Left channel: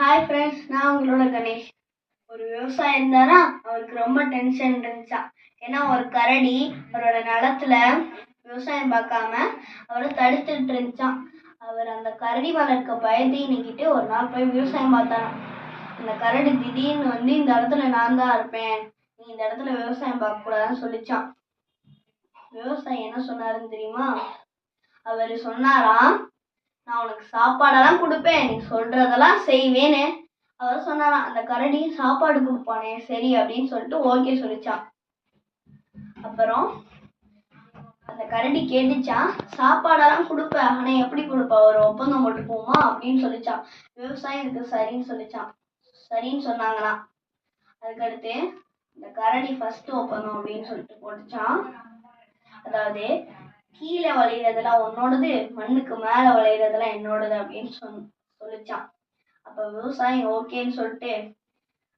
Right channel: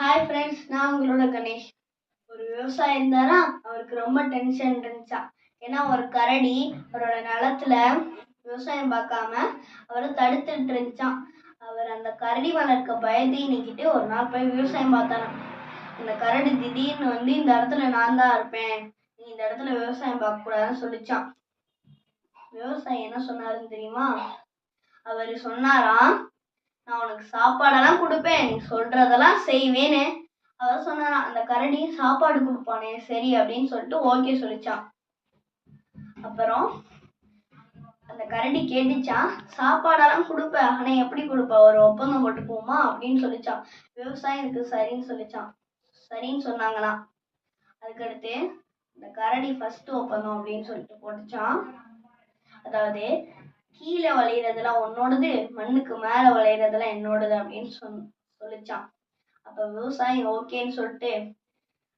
Hi friends நான் உங்களோட கணேஷ். ஒரு விவசாயி இருந்தாரா? அவருக்கு ரொம்ப டென்ஷன் இருந்துச்சா? ஏன்னா ஒரு கரடி அவரோட நிலத்துல விவசாயம் பார்க்காம அவரை தடுத்துட்டு இருந்துச்சான் அவர் அந்த கரடி வளர்க்க பயந்தீனிக்கிட்டு ஒரு நாள் போய் விவசாயம் பார்த்தாராம். அந்த கரடி திடீர்னு வந்து இந்த இடத்துல நான் தான் இருப்பேன். நீ இந்த இடத்துல விவசாயம் பார்க்கக்கூடாதுன்னு சொல்லிச்சான் விவசாயி என்ன சொன்னாருன்னு தெரியுமா? அவர் சொன்னாராம் உனக்கு சாப்பாடெல்லாம் கொடுப்பேன் நீ சொல்றதெல்லாம் செய்வேன்னு. அவர் சொன்னாராம் அந்த கரடி சாப்பாடு கொடுப்பானே சரி அப்படின்னு சொல்லிட்டு ஓகே சொல்லிச்சான் அப்புறம் அந்த கரடி கேட்டுச்சான் சாப்பாடெல்லாம் கொடுப்பேன் ஆனா எப்படி கொடுப்ப ஒரு ஒப்பந்தம் போட்டுக்குவோமா அப்படின்னு சொல்லிச்சான் விவசாயம் இதுக்கு சரின்னு சொல்லிச்சான் சரின்னு சொன்னாங்களாம். அதுக்கடுத்து இந்த கரடி ஃபர்ஸ்ட் ஒப்பந்தம் அப்படின்னு சொல்லிட்டு போட்டுச்சான் அதாவது கீழே விளையிறதெல்லாம் உன்னோடது மண்ணுக்கு மேலே விளையிறதெல்லாம் என்னோடது அப்படின்னு சொன் சொல்லிச்சான். அப்போ விவசாயி ஓகேன்னு சொல்லிட்டு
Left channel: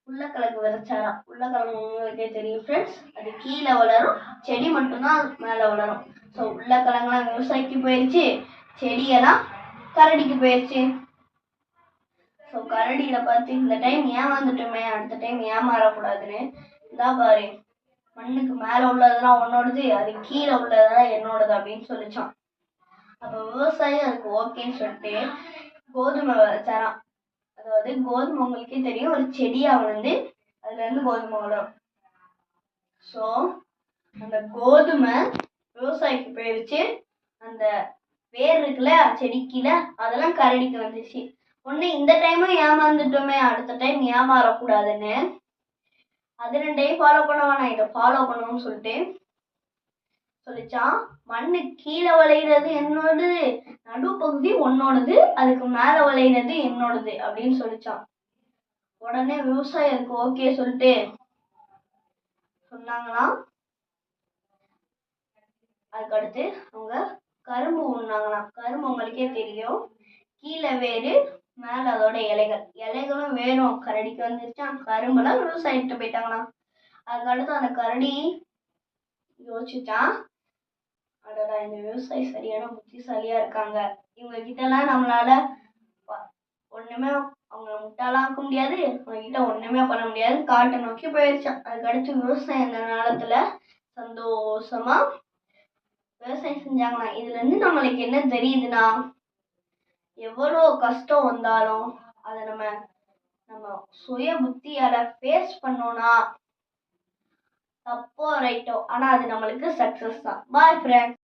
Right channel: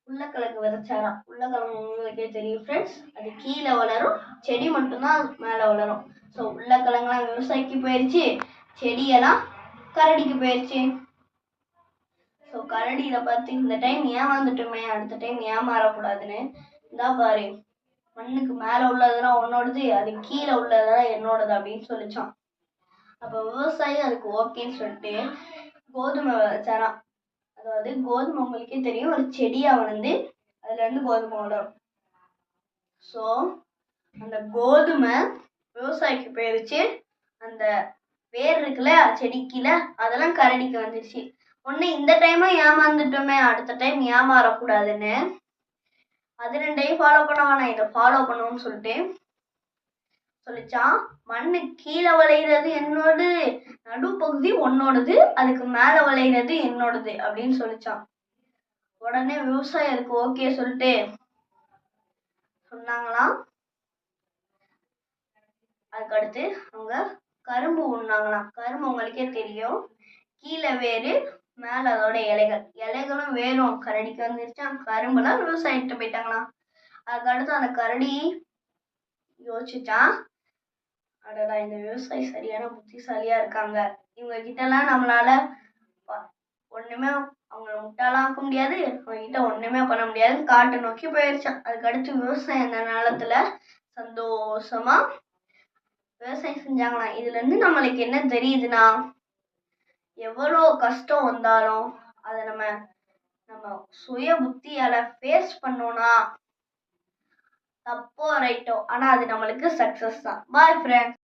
உருளைக்கிழங்கு விதைச்சாராம். உருளைக்கிழங்கு உங்களுக்கே தெரியும் ஃப்ரெண்ட்ஸ் அது கீழே வளரும் செடி மட்டும்தான் மேலே வளரும். ஸோ உருளைக்கிழங்குலாம் விவசாயிக்கு போயிடுச்சு செடியெல்லாம் கரடிக்கு போயிடுச்சு ஸோ கரடியில பார்த்து இந்த டைம் ஏமாந்துட்டோமே அடுத்த டைம் ஏமாறக்கூடாதுன்னு இந்தா பாரு. மண்ணுக்கு மேலே உள்ளதெல்லாம் உன்னோடது அது கீழே உள்ளதெல்லாம் என்னோடது அப்படின்னு சொல்லிச்சான். அப்போ விவசாயி அதுக்கு ஓகேன்னு சொல்லிட்டு கோதுமை விதைச்சாராம். அதாவது கோதுமை உங்களுக்கே தெரியும் ஒரு செடியாக வளர்ந்து அதுலேருந்து கோதுமை வளரும். ஸோ அந்த கோதுமை விவசாயிக்கு போயிடுச்சு அந்த வேர் இருக்குல்ல செடிக்கில அதெல்லாம் கரடிக்கு வந்துச்சு ஒன்று இந்த டைமும் ஏமாந்துட்டோமே அடுத்த டைம் ஏமாறக்கூடாதுன்னு அது ரெண்டையும் ஃபாலோ பண்ண வேணாம் இதை ஃபாலோ பண்ணணும்னு சொல்லிட்டு சொல்லிச்சான் மண்ணு கீழே விளையிறது என்னோடது நடுப்பகுதி உன்னோடது அதுக்கு மேலே விளையிறது என்னோடது அப்படின்னு சொல்லிச்சான். உடனே விவசாயிக்கு ஓகே சொல்லிட்டு சொன்னாங்களாம் அதுக்கடுத்து அவங்க கரும்பு உண்ணாங்களாம். கரும்பு உங்களுக்கே தெரியும். கீழே வேறு மேலே அதோட இலைகள். இலைகளும் வேணும். கரடிக்கு வந்துருச்சான் கரும்புலாம் விவசாயிட்டு போயிட்டாங்களாம் அதுக்கடுத்து அந்த கரடி யோசிச்சான் அடடா இந்த விவசாயி சரியான புத்திசாலியா இருக்காங்க. இவங்க கிட்டலாம் நம்மளால ஒண்ணுமே அவங்கள முட்டாளாக்க முடியாது. அவங்க கிட்ட ஒண்ணுமே பண்ண முடியாது. காட்டை நோக்கி போயிருச்சான் அதுக்கடுத்து விவசாயம் அந்த நிலத்துல சந்தோஷமா விவசாயம் செஞ்சாங்களாம். இதுல இருந்து நம்மளுக்கு என்ன தெரியுதுன்னா எவ்வளோ கஷ்டம் வந்தாலும் அதை நம்ம நம்ம சுய புத்தியால ஃபேஸ் பண்ணோம்னா தப்போ ரைட்டோ ஆனால் அது நம்மளுக்கு சக்ஸஸ் தான். Bye friends